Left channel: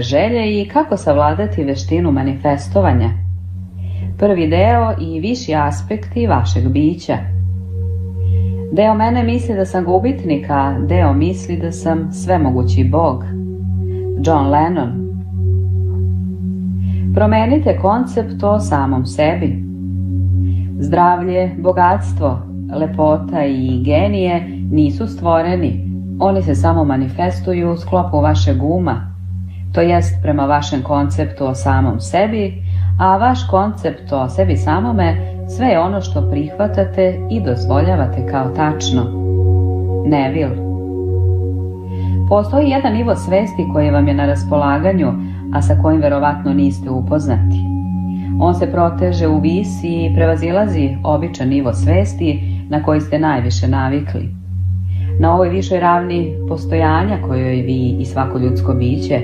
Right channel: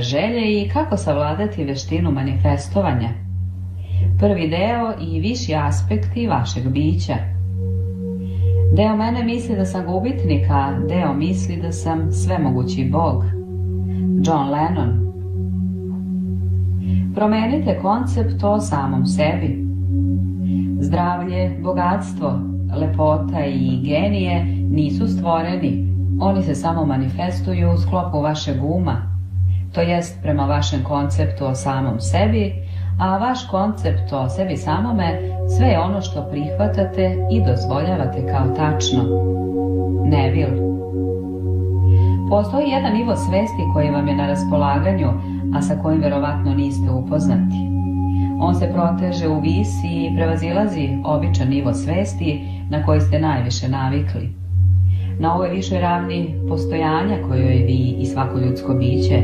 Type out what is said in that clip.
želje i kako savladati veštinu manifestovanja. Prvi deo i viši aspekti vašeg bića. Deo mene misli da sam gubitnik, a deo misli da sam svemogući Bog. John Lennon. Promenite koncept o samom sebi. Zdravlje, bogatstvo, lepota i genije nisu stvoreni, oni se samo manifestuju u sklopu vašeg uma, to jest prema vašem konceptu o samom sebi, a vaš koncept o sebi samome sve je ono što prihvatate i dozvoljavate kao tačno. Neville. Postoji jedan nivo svesti koji vam je na raspolaganju, a sa kojim verovatno niste upoznati. On se proteže u vis i prevazilazi običan nivo svesti na koji ste najviše navikli. Na ovoj višoj ravni postojanja kojoj vi i svako ljudsko biće